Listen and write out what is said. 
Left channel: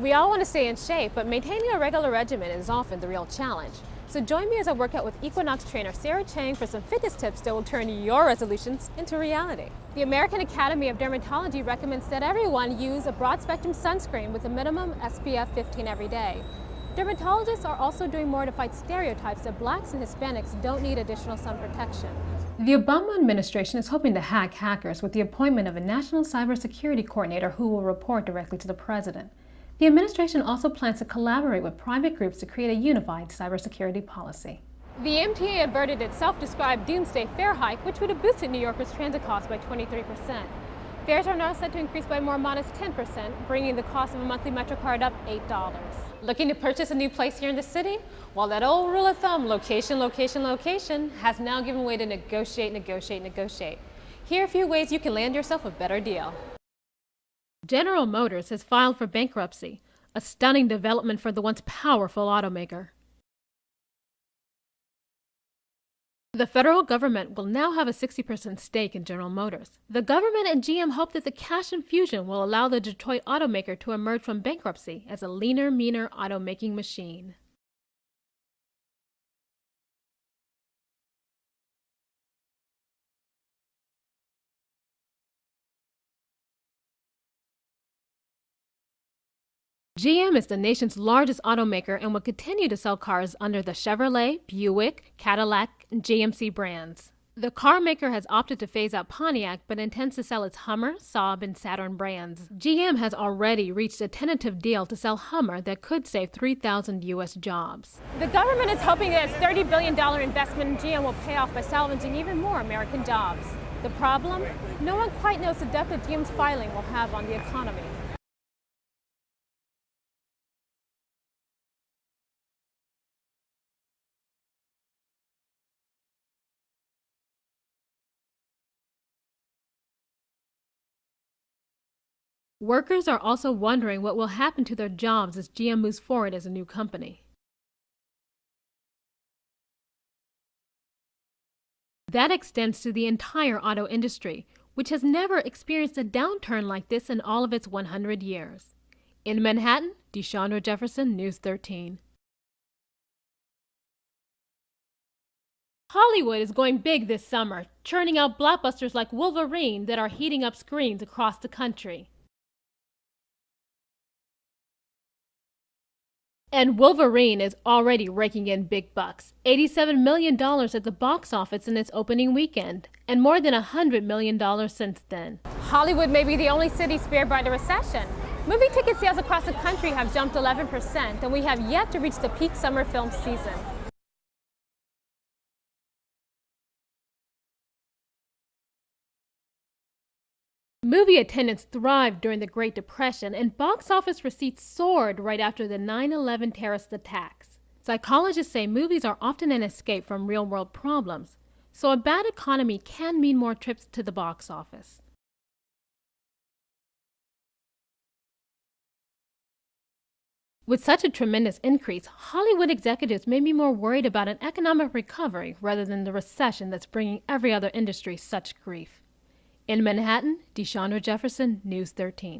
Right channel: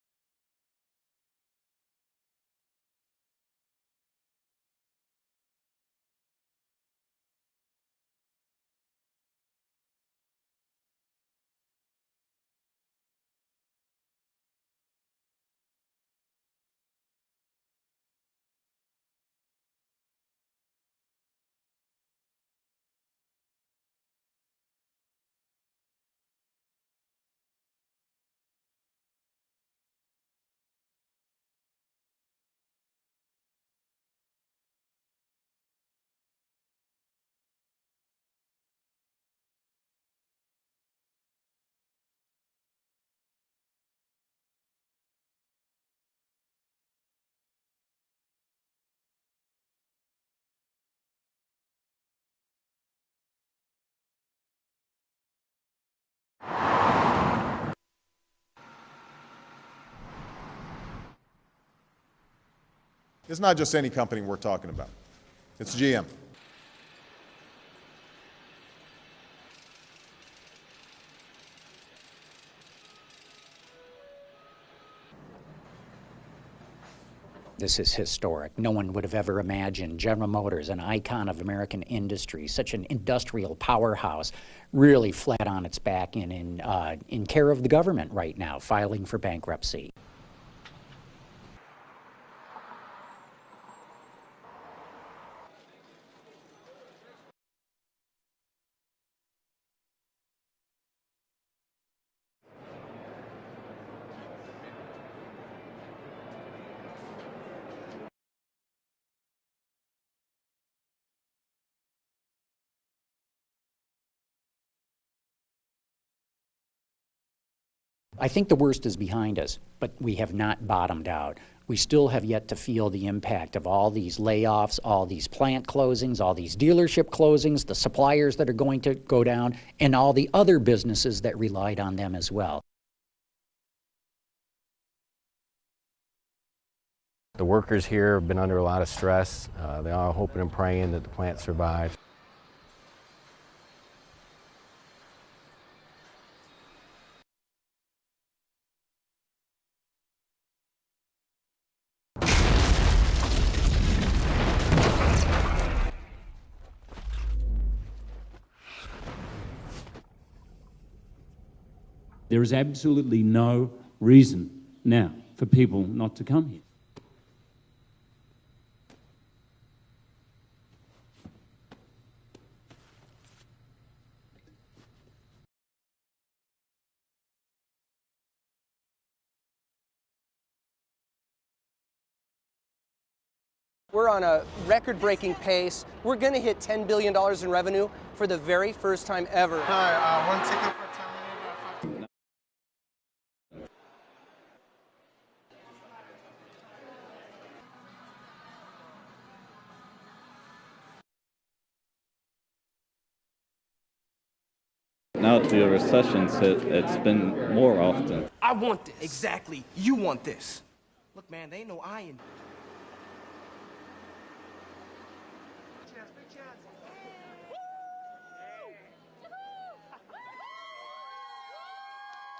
We all want to stay in shape, but maintaining a regular regimen is often the real challenge. So join me as I work out with Equinox trainer Sarah Chang for some fitness tips that will turn your resolutions into reality. The American Academy of Dermatology recommends that everyone use a broad-spectrum sunscreen with a minimum SPF 15 every day. Dermatologists are also doing more to fight stereotypes that blacks and Hispanics don't need additional sun protection. The Obama administration is hoping to hack hackers with the appointment of a national cybersecurity coordinator who will report directly to the president. The administration also plans to collaborate with private groups to create a unified cybersecurity policy. The MTA averted its self-described doomsday fare hike, which would have boosted New Yorkers' transit costs by 23%. Fares are now set to increase by a more modest 10%, bringing the cost of a monthly Metro card up $8. Looking to purchase a new place here in the city? Well, that old rule of thumb, location, location, location, has now given way to negotiate, negotiate, negotiate. Here are a few ways you can land yourself a better deal. General Motors has filed for bankruptcy, a stunning development for the once powerful automaker. It's not just any company we're talking about. It's GM. The federal government will now have a 60% stake in General Motors. The government and GM hope that the cash infusion will allow the Detroit automaker to emerge from bankruptcy as a leaner, meaner automaking machine. This is historic. No one would have ever imagined General Motors, an icon of American industry, such an industrial powerhouse, really flat on its back and in care of the government right now, filing for bankruptcy. GM is the nation's largest automaker and will continue to sell cars under the Chevrolet, Buick, Cadillac, and GMC brands. The car maker has opted to phase out Pontiac, but intends to sell its Hummer, Saab, and Saturn brands. GM has already reached a tentative deal to sell Hummer that could save 3,000 U.S. jobs. The government is hoping that its $30 billion investment in GM will pay off by salvaging even more American jobs. The problem? No one quite knows the depth that GM's filing will have on the economy. I think the worst is behind us, but we have not bottomed out. We still have yet to feel the impact of all these layoffs, all these plant closings, all these dealership closings, the suppliers that are going to go down, and all the other businesses that relied on them as well. Workers are also wondering what will happen to their jobs as GM moves forward as a new company. The workers here have been under a lot of stress. They are hoping and praying that the plant survives. That extends to the entire auto industry, which has never experienced a downturn like this in all of its 100 years. In Manhattan, Deshundra Jefferson, News 13. Hollywood is going big this summer, churning out blockbusters like Wolverine that are heating up screens across the country. There is absolutely no reason now for people not to come. And Wolverine is already raking in big bucks. $87 million at the box office in its opening weekend, and more than $100 million since then. Hollywood may be the only city spared by the recession. Movie ticket sales across the country have jumped 11%, and we have yet to reach the peak summer film season. We're on a record-breaking pace. We're going to hit $10 billion in revenue for the very first time ever. Hi, one ticket. Movie attendance thrived during the Great Depression, and box office receipts soared right after the 9/11 terrorist attacks. Psychologists say movies are often an escape from real-world problems, so a bad economy can mean more trips to the box office. Now that the recession's hit, it's been more often. I want this. Exactly. You want this. With such a tremendous increase, Hollywood executives may be more worried about an economic recovery rather than the recession that's bringing every other industry such grief. In Manhattan, Deshundra Jefferson, News 13.